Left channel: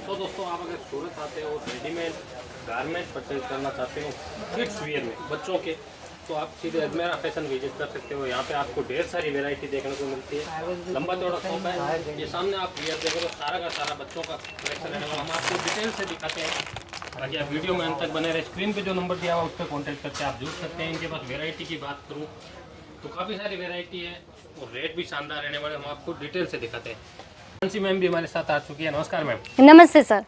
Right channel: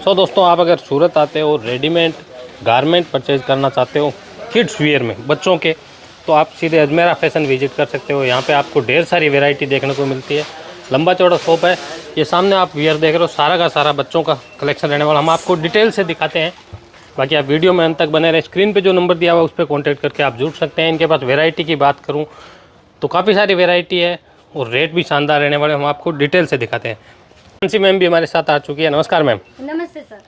सो दोस्तों, आप अगर सूरत आते हो, रेडीमेड गारमेंट परचेज करना चाहते हो किड्स वियर में बच्चों के, तो आप सीधे अजमेरा फैशन विजिट कर सकते हो। यहाँ पे आपको ढेर सारी वैरायटी देखने को मिलती है। लंबा चौड़ा शॉप है। ये सामने आप वियर देख रहे हो, सारा का सारा बच्चों का कलेक्शन रहने वाला। हम आपको डिटेल से दिखाते हैं, बाकी आप वीडियो में अंत तक बने रहे। स्क्रीन पे जो नंबर दिया हुआ है उस पर कॉन्टैक्ट करके आप जुड़ सकते हैं। इनके पास वैरायटी की बात करूँ तो काफ़ी सारी वैरायटी है और रेट भी शानदार रहने वाले। हम आपको डिटेल से दिखाते हैं। मानसी मैम भी हमारे साथ आ चुकी है। नमस्कार मैम। नमस्ते सर।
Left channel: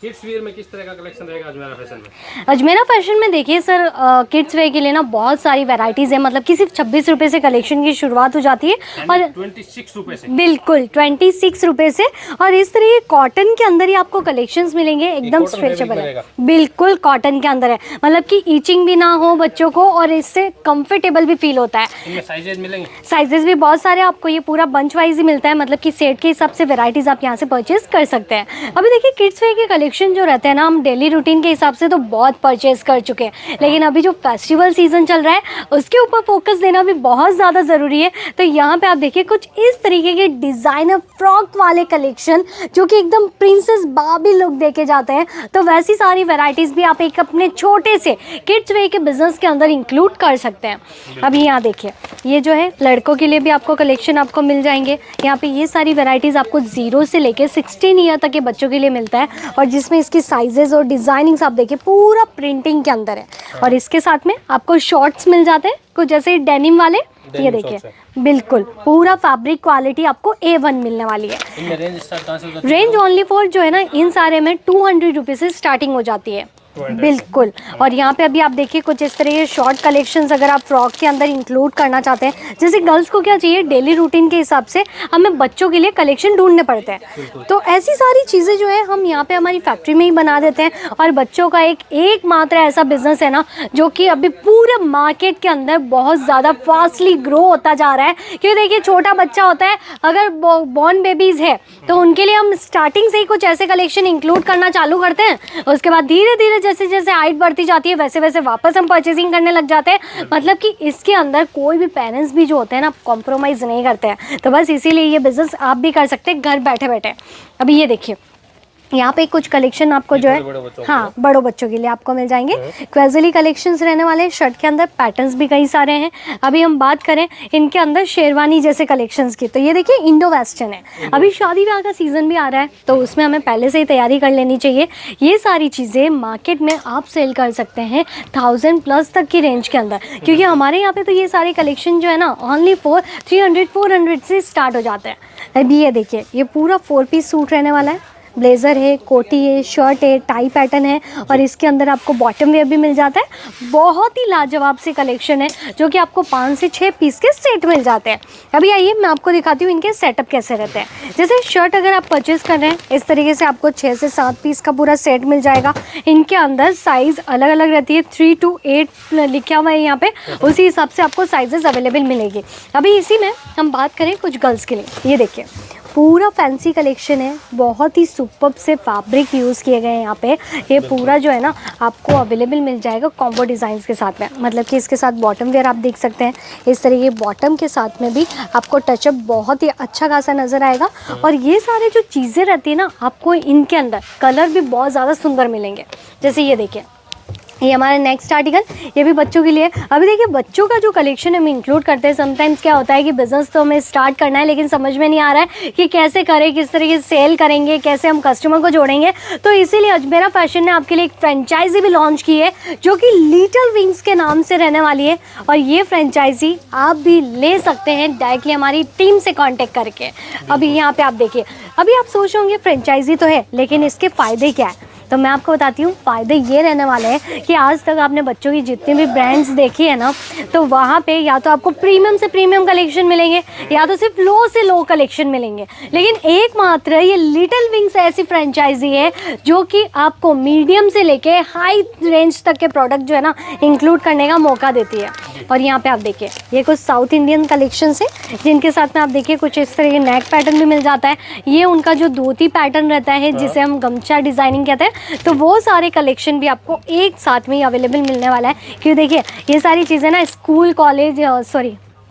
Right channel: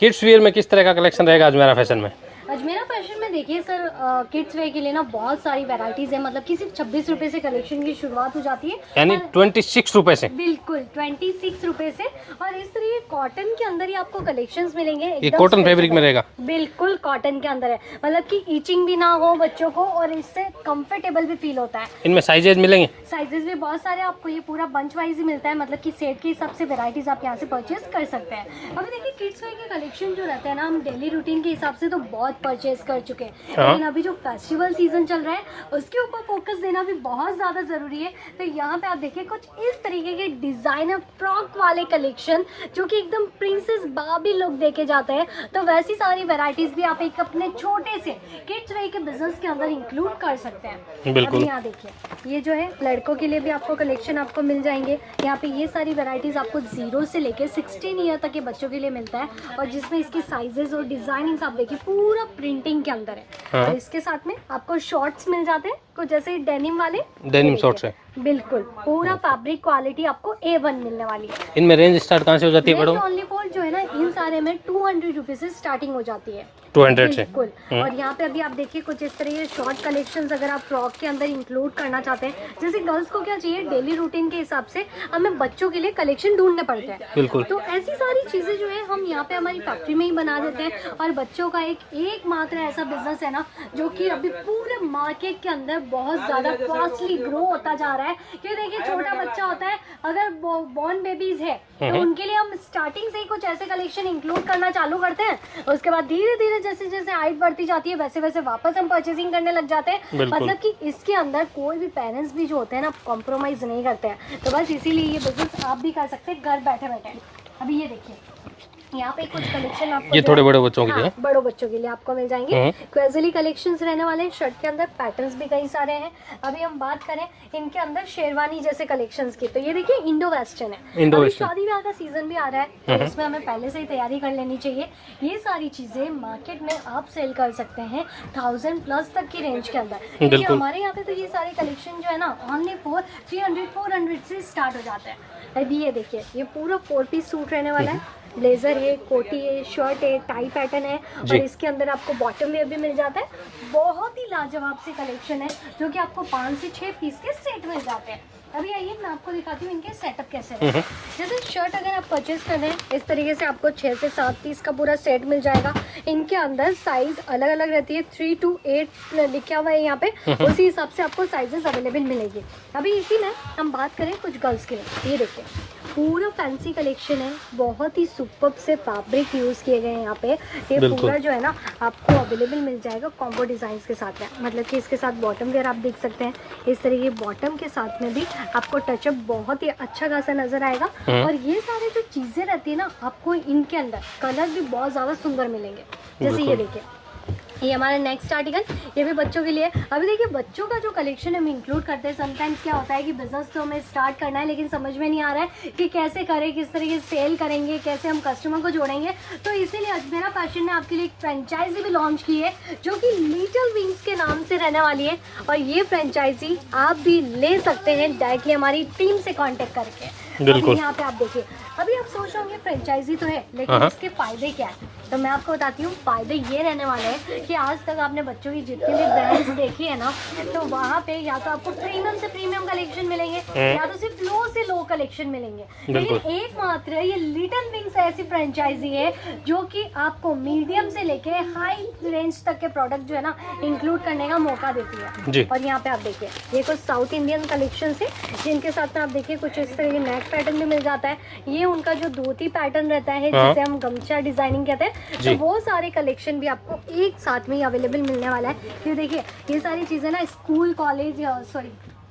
किड्स वियर में किस तरह का कलेक्शन रहेगा अजमेरा फैशन में? अजमेरा फैशन में देखिए सर, किड्स वेयर के लिए ना बहुत सारी वैरायटीज है। मतलब कि सिर्फ 26 रुपए से कलेक्शन की शुरुआत हो जाती है। यानी और 26 रुपए से? बिल्कुल 26 रुपए से। और इस तरह कॉटन के अंदर ही आपको कलेक्शंस मिलेंगे, एकदम कॉटन फैब्रिक मिलेगा? बिल्कुल कॉटन के अंदर है। मतलब कि ईचिंग भी ना हो बच्चों को और इससे कंफर्टेबल भी फील होता है। इनमें साइजेज मिलेंगे? साइजेस भी बहुत सारे आपको, ये पूरा बंच वाइज ही मिलता है। मतलब कि सेट के हिसाब से वैरायटीज आप यहाँ से परचेज कर सकते हैं। अभी देखिए किड्स वेयर के कलेक्शन जो रहते हैं ना, हम डेली रूटीन के हिसाब से तो बहुत परचेज कर चुके हैं, लेकिन अभी जो फेस्टिवल सीजन चल रहा है उसके ऊपर फोकस देना भी बहुत ज़्यादा ज़रूरी है। तो यहाँ पे आप देखिए कुछ इस तरीके के डिज़ाइनर फ्रॉक वाले कलेक्शन जो कि एकदम प्रिंसेस बार्बी लुक देके जाते हैं। तो वैसी सारी वैरायटीज़ भी आप एक अपने छोटे से किड्स वेयर के बिजनेस के अंदर इंक्लूड कर सकते हैं। अभी यहाँ देखिए, ये जो है लड़कों के लिए भी आपको कलेक्शन आपको मिल जाएंगे। यहाँ पे ये सारी वैरायटीज़ आपको 0 से लेके 16 ईयर तक के बच्चों के लिए मिलता है। और जिसमें इसकी साइजेस और डिजाइनिंग्स आप देखिए पूरा प्रिंटिंग के अंदर है। हाँ। और इसके साथ में आपको शॉर्ट्स मिल जाते हैं कुछ जैसे डेनिम वाले। ये देखिए बिल्कुल पूरा फैब्रिक क्वालिटी आपको A1 मिलने वाली है। इनमें रेंज स्टार्ट कहाँ से हो जाती है? रेंज ओनली फॉर जो है ना, इन सारे में 200 रुपीज से स्टार्टिंग हो जाती है। 200 बिल्कुल। और यहाँ पे अभी आप देखिए कुछ इस तरह के शॉर्ट कलेक्शंस अगर आप फ्रॉक के अंदर इंक्लूड करना चाहते हैं, जैसे गर्ल्स को क्या चाहिए डेली रूटीन के हिसाब से हमें बच्चों के लिए कलेक्शन ढूंढने पड़ते हैं। तो ऐसी सारी चीज़ें जो है हम यहाँ पे हमारी फैक्ट्री में ही बना देते हैं। और बच्चों का एक मात्र ऐसा बिजनेस है ना जो कि अभी पूरे मार्केट के अंदर बहुत ज़्यादा फास्टली ग्रो होता जा रहा है। क्योंकि देखिए छोटा बच्चा होता है, अगर बॉर्न बेबीज है तो उनके लिए हम स्टार्टिंग से ही कुछ ऐसे कलेक्शन इंक्लूड करना चालू करते हैं। उसके बाद धीरे धीरे जैसे जैसे हाइट बढ़ती जाती है वैसे वैसे वापस हम परचेसिंग करने लग जाते हैं। मतलब कि इसके अंदर कोई भी पेरेंट्स भी जो होते हैं ना कॉम्प्रोमाइज नहीं करते हैं। तो बस इसीलिए ये बिजनेस आप भी कर सकते हैं घर बैठे बैठे। अभी ये देखिए यहाँ पे कुछ कलेक्शन आपको जो है बड़े बच्चों के लिए, बड़ों बच्चों के लिए आपको मिल जाएंगे। क्वेजली कलेक्शंस रहने वाले हैं। शर्ट के अंदर पैटर्न्स भी कई सारे हैं। अभी हम बात करें इनके अंदर शेरवानी जैसे कलेक्शंस की, तो ये देखिए इंडो वेस्टर्न है। अभी शादी ब्याह का सीजन भी आ रहा है तो उसमें हमें पहले से ही तैयारी कर लेनी चाहिए। ये सारी चीज़ें मार्केट में आप सेल कर सकते हैं 1000+ तक की रेंज के अंदर, क्योंकि हमारे यहाँ पे तो ये सारे कलेक्शन जो है ना ओनली फॉर 300-400 से स्टार्ट हो जाते हैं। अभी ये देखिए ये पूरा 4 पीस सूट रहने वाला है। ब्लेज़र है, कोटी है, शर्ट है, टाई पैटर्न है और इसके अंदर आपको बॉटम वेयर भी मिल जाता है। बहुत ही लाजवाब सी कलेक्शन है जो कि आपको 5 से 6 पीस के सेट मिल जाते हैं। अभी आइए मैं आपको दिखाती हूँ इनके सेटअप कैसे रहते हैं। जैसे शर्ट अगर आप परचेज कर रहे हैं इस तरीके से आपको 6 से 7 पीस का पूरा सेट मिल जाएगा। इनके अंदर साइज़ अलग अलग रहती है, 3 to 8 लिखा हुआ है यहाँ पे, उसी हिसाब से आपको साइजेस अवेलेबल मिलेगी। अभी इसी में हम बात करें कुछ गर्ल्स के लिए, ये देखिए पूरा फैंसी कलेक्शन है। बहुत ही सुपर्ब से फैब्रिक यूज़ किए गए हैं यहाँ पे। ये पूरा जो है ना आपको अवेलेबल मिल जाएगा कॉम्बो डिज़ाइंस के साथ में। मतलब कि इसके साथ बॉटम वेयर आप देख सकते हैं, इस तरीके बॉटम के साथ में भी आपको टचअप बहुत ही अच्छा खासा नज़र आएगा। और ये सारे जो चीज़ें रहती है ना आपको इनके अंदर कलर भी बहुत ज़्यादा सुंदर मिलेंगे। जैसे ये देखिए ये हमारा नेक्स्ट आर्टिकल, ये भी बच्चों के लिए। अभी देखिए बच्चों का जो कलेक्शन हम इंक्लूड करते हैं, समटाइम्स क्या होता है कि बिजनेस तो हमें स्टार्ट करना है लेकिन समझ में नहीं आ रहा है कि कैसे करें, किस तरीके से सेल करेंगे, कैसे हम कस्टमर को जोड़ेंगे। तो इसीलिए अजमेरा फैशन ने आपके लिए एक फ्रेंचाइजी भी लॉन्च की है जो कि लिटिल विंग्स के नाम से रहने वाली है। और ये फ्रेंचाइजी आप भी ले सकते हैं डायरेक्टली हमारी टीम से कॉन्टेक्ट करके। अभी यहाँ पे आप देखिए, अभी आप सोच रहे होंगे फ्रेंचाइजी तो है लेकिन इसके फ़ायदे क्या है, तो मैं आपको बताती हूँ। फ़ायदे ये रहने वाले हैं कि आज तक आपने बच्चों की जितनी भी ब्रांड्स देखी है ना, तो वहाँ पे या तो आपको प्रीमियम से प्रीमियम कलेक्शन मिलेंगे या तो सिर्फ लो से लो कलेक्शन मिलेंगे। लेकिन एकमात्र ये लिटिल विंग्स ऐसी फ्रेंचाइजी है जो कि आपको मीडियम से लेके हाई रेंज तक के प्रोडक्ट जो है ना इंक्लूड करने का मौका देती है। और यहाँ पे आप देखिए ये कुछ साउथ इंडियन कलेक्शन है जिनके साथ में आप देखिए कुछ इस तरह के नेक पैटर्न भी मिल जाता है। ये उनका जो धोती पैटर्न रहता है जिसे हम गमछा डिजाइनिंग कहते हैं, तो वो सारे कलेक्शन भी आपको एक साथ में ही अवेलेबल मिलने वाला है। क्योंकि देखिए ये सारी चीज़ें ना स्कूल कॉलेज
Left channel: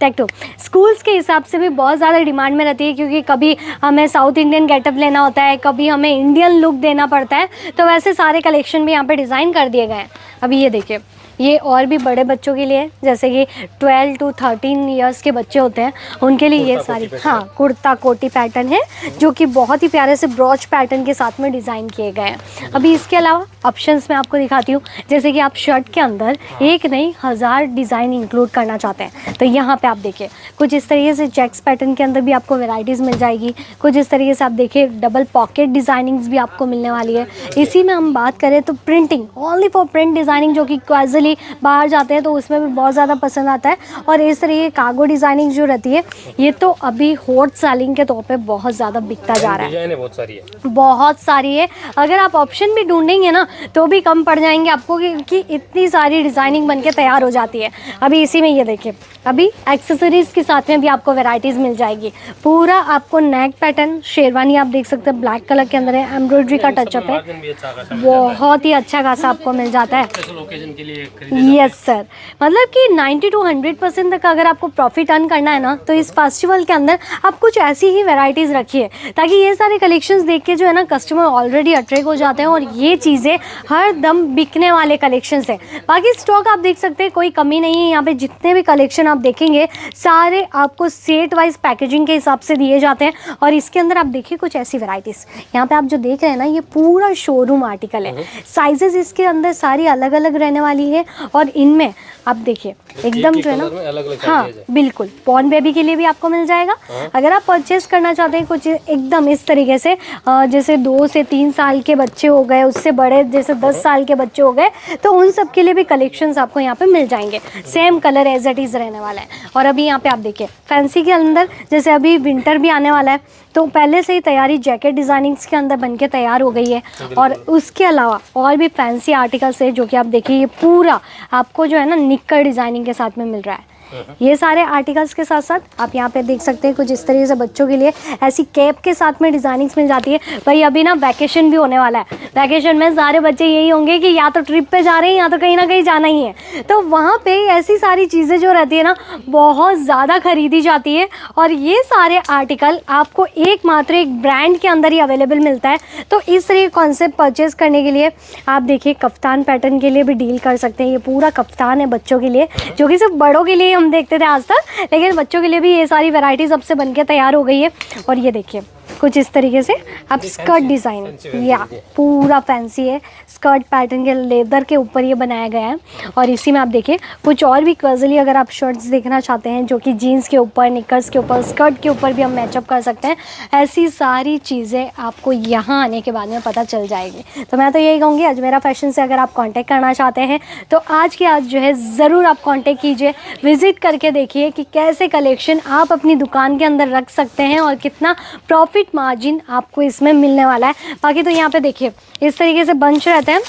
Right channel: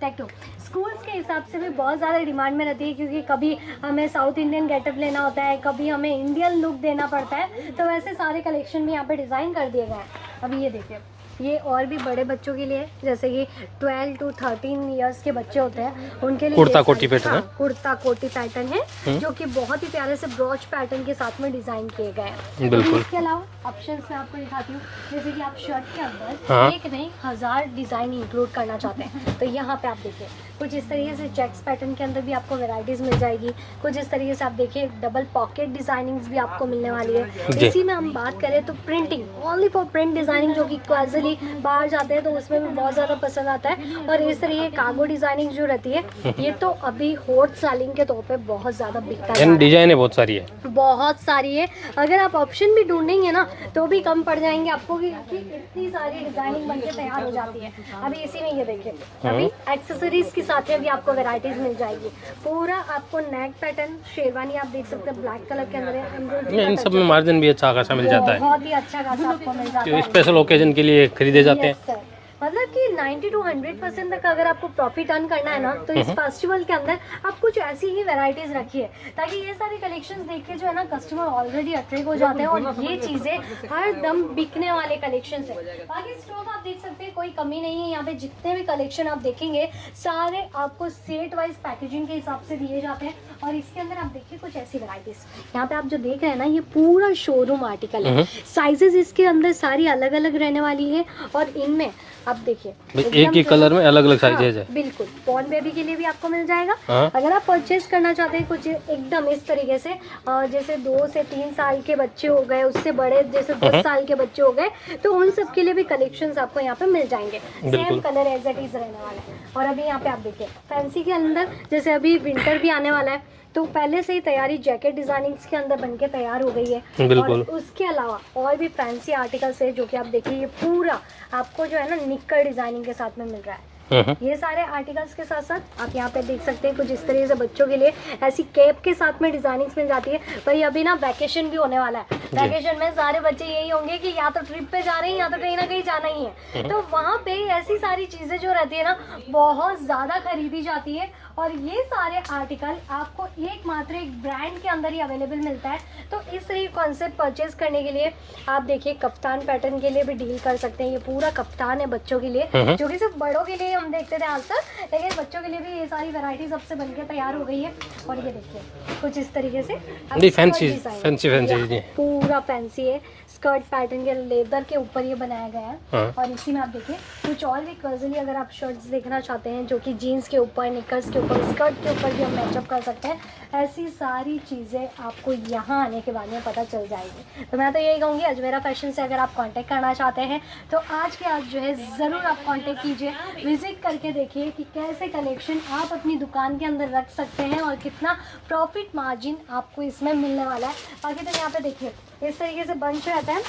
टैक्टो स्कूल्स के हिसाब से भी बहुत ज़्यादा डिमांड में रहती है, क्योंकि कभी हमें साउथ इंडियन गेटअप लेना होता है, कभी हमें इंडियन लुक देना पड़ता है, तो वैसे सारे कलेक्शन भी यहाँ पे डिज़ाइन कर दिए गए हैं। अभी ये देखिए, ये और भी बड़े बच्चों के लिए, जैसे कि 12 to 13 इयर्स के बच्चे होते हैं उनके लिए ये सारी, हाँ, कुर्ता कोटी पैटर्न है जो कि बहुत ही प्यारे से ब्रॉच पैटर्न के साथ में डिज़ाइन किए गए हैं। अभी इसके अलावा ऑप्शंस मैं आपको दिखाती हूँ, जैसे कि आप शर्ट के अंदर एक नहीं 1000 डिज़ाइन इंक्लूड करना चाहते हैं तो यहाँ पे आप देखिए कुछ इस तरीके से चेक्स पैटर्न के अंदर भी आपको वेराइटीज़ मिल जाएगी। कुछ इस तरीके से आप देखिए डबल पॉकेट डिज़ाइनिंग्स भी आपको मिलने वाली है। इसी में हम बात करें तो printing, only for print designing, जो कि कैजुअली बाहर जाते हैं तो उसमें भी बहुत ज़्यादा पसंद आता है। और इस तरीके कार्गो डिज़ाइनिंग जो रहती है ये तो अभी हॉट सेलिंग के तौर पे बहुत ज़्यादा बिकता जा रहा है। डिजाइनें बहुत सारी है, बहुत सारी है। अगर आप ऑप्शन भी ढूंढेंगे ना तो भी कम पड़ जाएंगे आपको कि इतनी सारी डिज़ाइनिंग बनके तैयार हो जाती है। अभी इसी में ये देखिए, अभी एक्सेसरीज के साथ में भी आपको वेराइटीज़ मिल जाएगी। पूरा आपको नेक पैटर्न शेरवानी आप देख सकते हैं, ब्लैक कलर के अंदर है, एम्ब्रॉयडरी का टच, मार्जिन भी अच्छा खासा मिल जाता है, बहुत ही अच्छा खासा आपको मिल जाता है। स्पेशल ओकेजन के लिए खरीदे जाते हैं। यस सर, मतलब कि 90 to 100% तक अगर आपको प्रॉफिट अर्न करना है ना तो इस फेस्टिवल के अंदर आप कुछ ऐसी ही वैरायटीज़ रखिए ताकि ये सारे कलेक्शंस देख के जो है ना कस्टमर ऑलरेडी अट्रैक्ट हो जाते हैं और ये चीज़ें हर दम बिकने वाले कलेक्शंस हैं। बाकी स्टॉक आप देख सकते हैं, कोई कमी नहीं है यहाँ पे। जितने भी कलेक्शन आप देखेंगे सारे आपको सेट वाइज पैकेजिंग के हिसाब से दिए जाते हैं। और इसके अंदर आप देखिए कुछ ऐसी वैरायटीज़, यहाँ पे आप जो देख रहे हैं ना ये पूरा शोरूम आर्टिकल है। साइजेस इसके अंदर सारी अलग अलग रहने वाली है और इनमें आप देखिए एकदम एक कलर में अलग अलग साइजेज है। बिल्कुल, बॉर्न बेबी के लिए भी आपको मिल जाएगा। अगर आप परचेस करना चाहते हैं कुछ एकदम इस तरीके से, जैसे 2 से 3 साल के बच्चे हो गए, उससे बड़े जैसे 10 साल के बच्चे हो गए, तो उन सब के लिए भी कलेक्शंस आपको यहाँ पे मिल जाएंगे। Same colour as it is रहने वाला है। और अभी यहाँ पे आप देखिए फैंसी के अंदर, जैसे अभी विंटर भी आने वाला है तो पहले से ही तैयारी जैकेट डिजाइनिंग्स के अंदर बनके तैयार हो गई है। और उसके अलावा और भी फैंसी आर्टिकल्स है जो कि आप देखिए ये पूरा आपको जो है ना निक्कर डिजाइनिंग के साथ में मिल रहा है। ये सारे आर्टिकल्स के साथ साथ आप यहाँ पे देख सकते हैं कुछ इस तरीके से बच्चों के लिए ऐसी कैप के साथ में डिजाइनिंग्स मिल जाती है। भाई अभी ना वैकेशन भी होने वाला है, वैकेशन में सारे बच्चे यही होंगे कि या तो ट्रिप पे जा रहे हैं या तो कहीं ना कहीं जाना ही है, तो वहाँ पे ऐसी सारी चीज़ें जो रहती है ना बहुत ज़्यादा खरीदी जाती है। और ये सारे आर्टिकल आपको एकमात्र एक ब्रांड के अंदर ही अवेलेबल मिलता है। तो इस तरह कॉन्सेप्ट परचेज करने के लिए आप देखिए कफ्तान पैटर्न के लिए भी डील कर सकते हैं। ये पूरा कफ्तान है बच्चों के लिए, जो कि सिर्फ बड़ों के लिए हम देखते थे आज तक, लेकिन बच्चों के लिए भी ये सारी वैरायटीज अब से बनके तैयार हो गई है। और ये देखिए कुछ इस तरीके से आप स्कर्ट डिजाइन, या पूरा फैंसी है, स्कर्ट पैटर्न के लेदर के ऊपर ये बनाया गया है। और इसी में आप देखिए कुछ और भी कैजुअली अगर आप शर्ट्स देखना चाहते हैं जो कि जीन्स के ऊपर, निकर्स के ऊपर, स्कर्ट के ऊपर भी हम मैचअप कर सकते हैं, ऐसी सारी चीज़ें आपको यहाँ आने के बाद में पता चल जाएगी। तो मैं तो यही कहूँगी अजमेरा फैशन से अगर आप कॉन्टैक्ट करना चाहते हैं तो आज के आज जो है ज़रूर आप कॉन्टैक्ट कीजिए, विजिट करके देखिए कि कैसे कलेक्शन आप अपनी दुकान के अंदर रख सकते हैं और कितना प्रॉफिट मार्जिन आपको इसमें मिलने वाला है। बाकी तो यहाँ पे देखिए इस तरीके से बंच रहते हैं,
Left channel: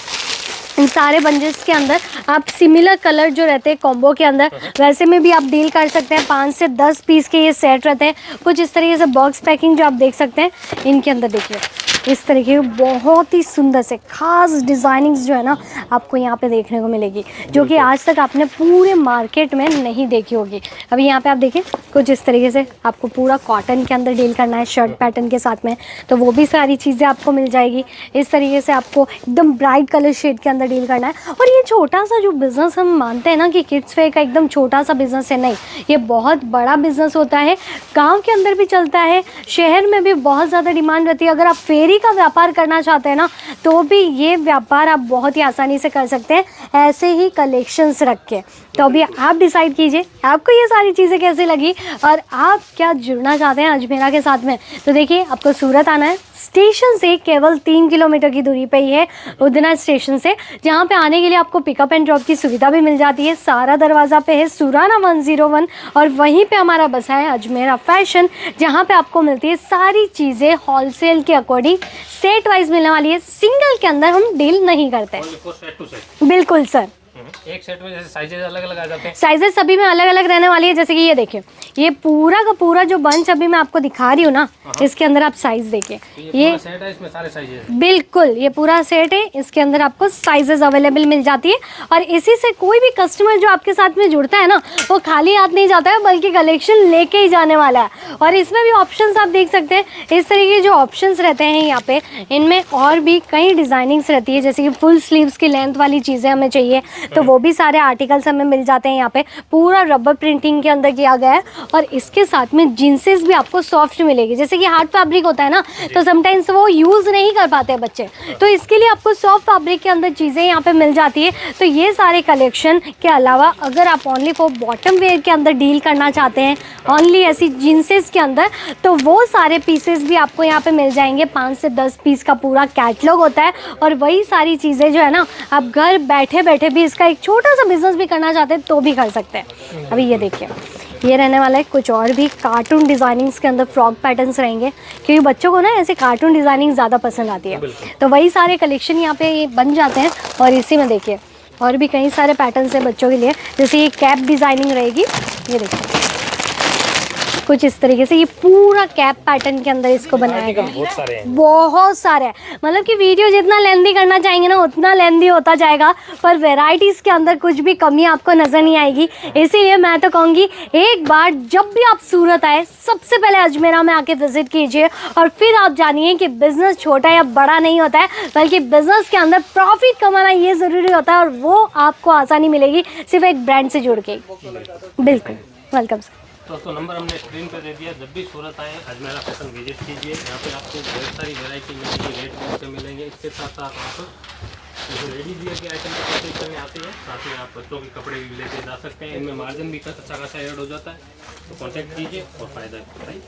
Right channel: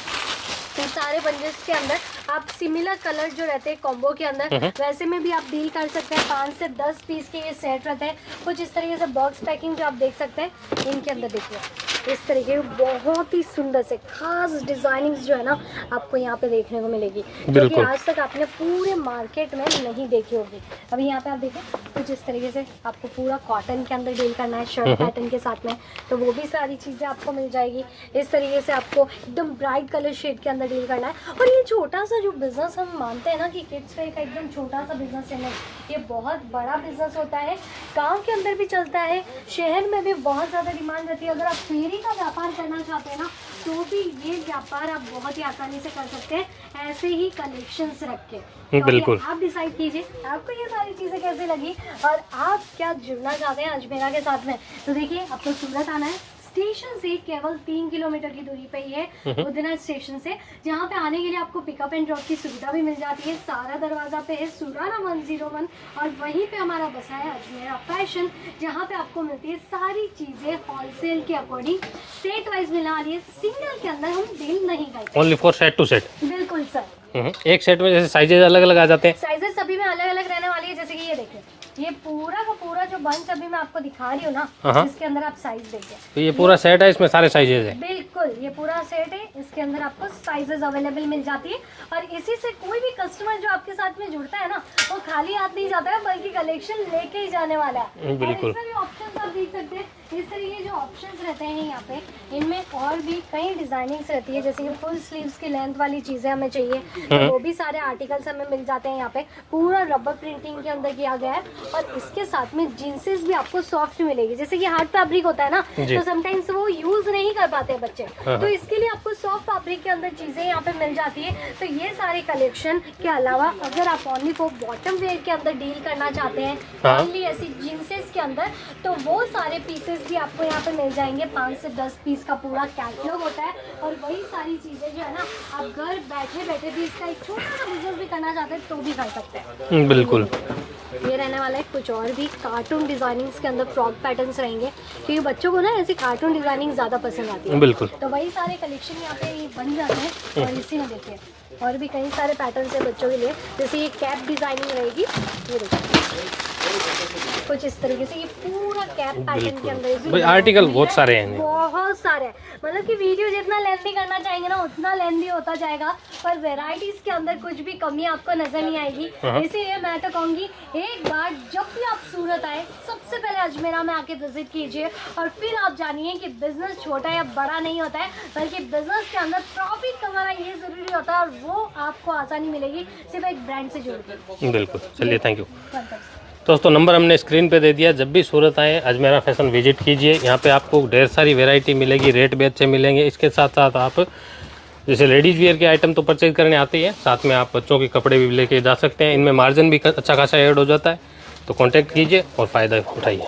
इन सारे बंचेस के अंदर आप सिमिलर कलर जो रहते हैं कॉम्बो के अंदर वैसे में भी आप डील कर सकते हैं। 5 से 10 पीस के ये सेट रहते हैं। कुछ इस तरीके से बॉक्स पैकिंग जो आप देख सकते हैं, इनके अंदर देखिए इस तरीके के बहुत ही सुंदर से खास डिज़ाइनिंग्स जो है ना आपको यहाँ पे देखने को मिलेगी, जो कि आज तक आपने पूरे मार्केट में नहीं देखी होगी। अभी यहाँ पे आप देखिए कुछ इस तरीके से आपको पूरा कॉटन के अंदर डील करना है शर्ट पैटर्न के साथ में, तो वो भी सारी चीज़ें आपको मिल जाएगी। इस तरीके से आपको एकदम ब्राइट कलर शेड के अंदर डील करना है। और ये छोटा सा जो बिज़नेस हम मानते हैं ना कि किड्स वेयर का एकदम छोटा सा बिज़नेस है, नहीं, ये बहुत बड़ा बिज़नेस होता है। गाँव के अंदर भी चलता है, शहर में भी बहुत ज़्यादा डिमांड रहती है। अगर आप फेरी का व्यापार करना चाहते हैं ना तो भी ये व्यापार आप बहुत ही आसानी से कर सकते हैं ऐसे ही कलेक्शंस रख के। तो अभी आप डिसाइड कीजिए आपको ये सारी चीज़ें कैसी लगी और आप क्या जुड़ना चाहते हैं अजमेरा के साथ में। तो देखिए आपको सूरत आना है, स्टेशन से केवल 3 किलोमीटर की दूरी पे ही है उधना स्टेशन से, जहाँ पे आने के लिए आपको पिकअप एंड ड्रॉप की सुविधा भी मिल जाती है। सारा दरवाज़ा पे है सुराना 101 और वहीं पे हमारा बसा है अजमेरा फैशन, जहाँ पे आपको मिलती है सारी चीज़ें होलसेल के अकॉर्डिंग सेट वाइज मिलने वाली है। सिंगल के अंदर हम डील नहीं करते, only for set to set. बिल्कुल सर। एक सेट में जैसे साइजेज अलग अलग आ जाते हैं। साइजेस सभी में अलग अलग रहने वाली है। जैसे कि ये देखिए, ये पूरा का पूरा जो बंच अभी मैं आपको दिखा रही हूँ ना, इसके अंदर आप साइज देखिए, तो ये पूरा सेट है, इसमें सारे साइजेज हैं। बिल्कुल, ये पूरा सेट है, इसके अंदर आपको साइजेस अवेलेबल मिल जाती है। और इसी से कोई भी कस्टमर जो आपके साथ में जुड़ता है ना, वो खाली हाथ नहीं जाता है, बल्कि कलेक्शन लेके ही जाने वाला है। और इसमें भी ऑप्शंस आप देख सकते हैं, इस तरीके के जो ऑप्शंस रहते हैं यहाँ पे, इनमें और भी कई डिजाइनिंग्स रहती है। जैसे कि फुल स्लीव्स की लेंथ वाली चीजें हमें चाहिए तो वो भी सारे आर्टिकल्स हमें मिल जाते हैं। यहाँ पे पूरा रबर प्रिंटिंग के अंदर किया गया है। और इसके साथ में जींसेस भी आपको सॉफ्ट मिलेगी। जैसे कि हार्ड फैब्रिक होता है ना, तो समटाइम्स वो यूज नहीं कर पाते हैं बच्चे, तो इसके लिए आपको सॉफ्ट फैब्रिक के अंदर चीजें यहाँ पे मिल जाती है। तो ये सारे कलेक्शन के अलावा अगर आप ओनली फॉर बॉटम वेयर के अंदर डील करना चाहते हैं, ओनली ऐसी जींसेस के अंदर, तो वो सारे पीसेस भी आपको यहाँ पे मिल जाएंगे। 5 से 10 पीस का पूरा कैटलॉग होता है। और वही सारी चीजें जो है ना, आप घर बैठे बैठे भी इसका एक छोटा सा बिजनेस भी करना चाहते हैं तो भी कर सकते हैं। अभी ये देखिए, ये रहने वाला है कुछ और भी कार्टून डिजाइनिंग्स के अंदर फ्रॉक पैटर्न्स रहेंगे, क्योंकि बच्चों को ना ऐसे कार्टून डिजाइनिंग ज़्यादा पसंद आती है। तो वही सारे कलेक्शन यहाँ पे ये बन जाते हैं। और इसी में देखिए और भी कई सारे पैटर्न्स हैं बच्चों के लिए। जैसे ये कैप डिजाइनिंग रहेगी, ये देखिए कुछ इस तरीके से, ये पूरा कैप पैटर्न के अंदर इसको बनाया आर्टिकल बहुत सारे हैं, बहुत सारे हैं। मतलब कि वीडियो जितना लेंथी करना चाहेंगे ना, उतना लेंथी होता जाएगा, पर वैरायटीज के अंदर कुछ भी कमी आपको नजर नहीं आएगी। इसीलिए मैं तो कहूँगी, एक बार जब भी आप सूरत आए, सबसे पहले अजमेरा में आके विजिट कीजिए। और फिर आप जानिए कि बिजनेस छोटा या बड़ा नहीं होता है, बल्कि बिजनेस के अंदर प्रॉफिट कमाना ये जरूरी होता है। और वो आपको आसानी मिलेगी सिर्फ एक ब्रांड से जुड़ के। बिल्कुल, थैंक यू, वेलकम। दोस्तों नंबर हमने स्क्रीन पे दे दिया। जब भी सूरत आए अजमेरा फैशन विजिट कीजिए। यहाँ पे आपको ढेर सारी वैरायटी मिलेगी, रेट भी अच्छे मिलेंगे। इसके साथ साथ आप जैसे लेडीज़ वियर के आइटम तो परचेज करने आते ही है, साथ में आप बच्चों के कपड़े भी लेके जा सकते हैं। इनमें मार्जिन भी अच्छा खासा ऐड हो जाता है। तो कांटेक्ट कीजिए और फ़ायदा उठाइए।